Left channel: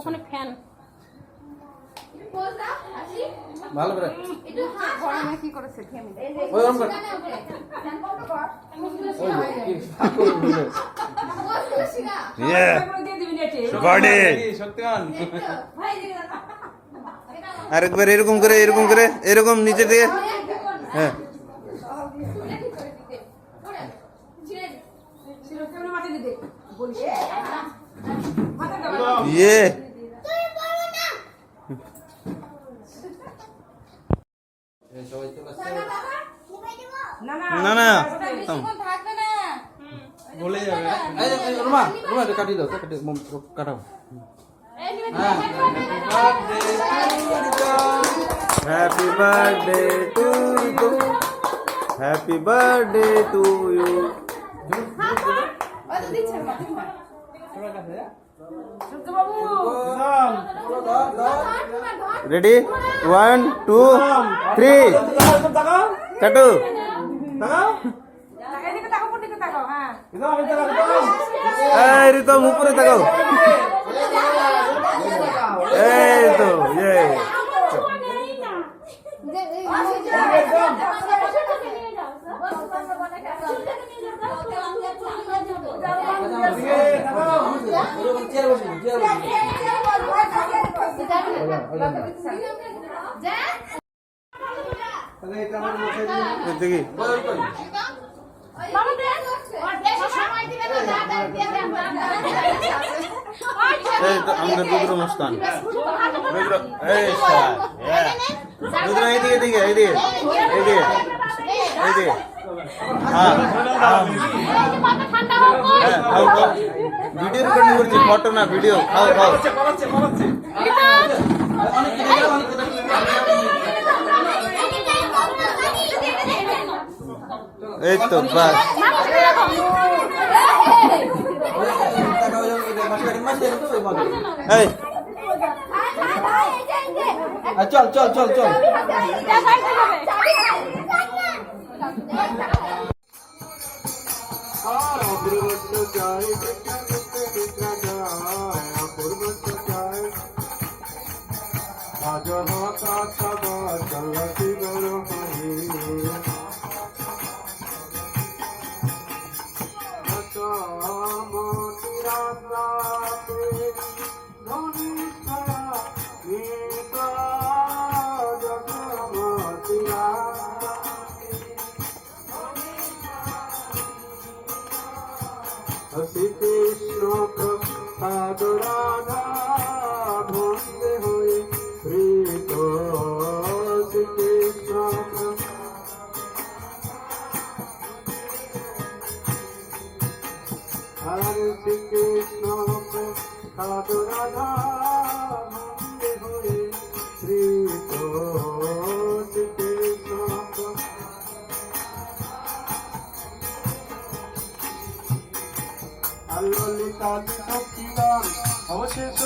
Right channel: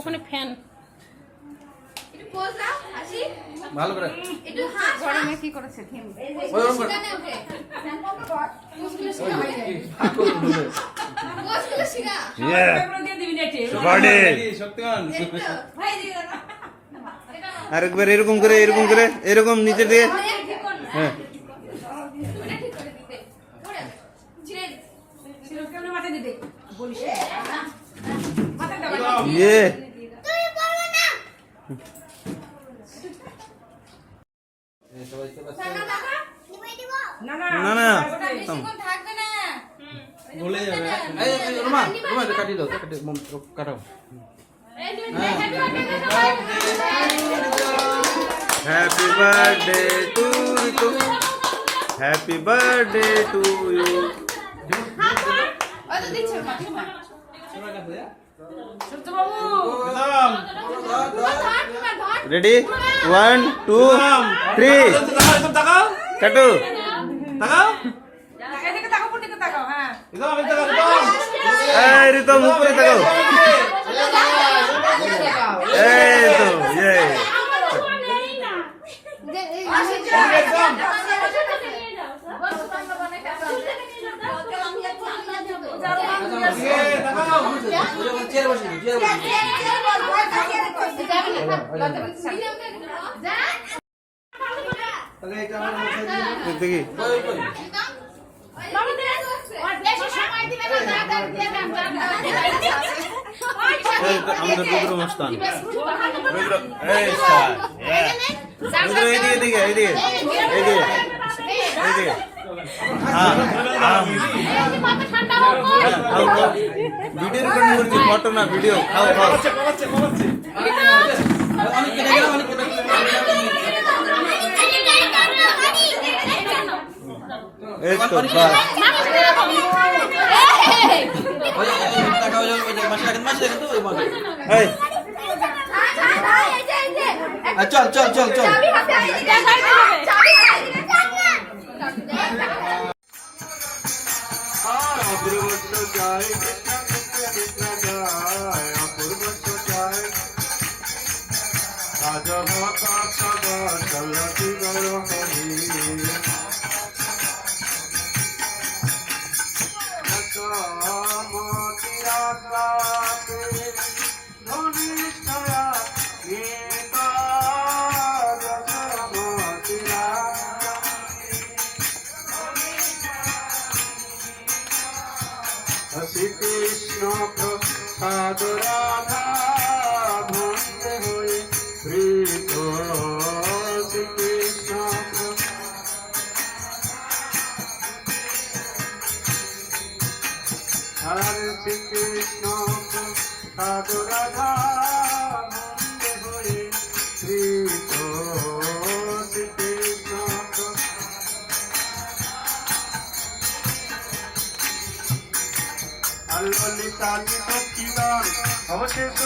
ওখানে ফ্যান ভালো করে গরমে কি করেছে আরেকবার এরকম করে এরকম নিচে দিয়ে হ্যাঁ ইয়ে না না বলে যাবে রোমা রোমা এটা কাটি দাও কাটাও happy birthday to you happy birthday to you ready 1 2 3 কাটো এই রিতম উপরে তাকাও এই তো ইয়ে দেখি আমাদের রুদ্র মস্তান রুদ্র এই স্যার রুদ্র এইদিকে হ্যাঁ খাও ভিডিও রেকর্ডিং করছি ফটো না ভিডিও খাও এই তো বাস চল শ্রী কৃষ্ণ প্রসাদ রাধা ভক্তে হয়ে প্রীত শ্রী কৃষ্ণ হরে শ্রী কৃষ্ণ প্রসাদ রাধা ভক্তে হয়ে প্রীত শ্রী কৃষ্ণ ললিতা সচিবান অবশেষ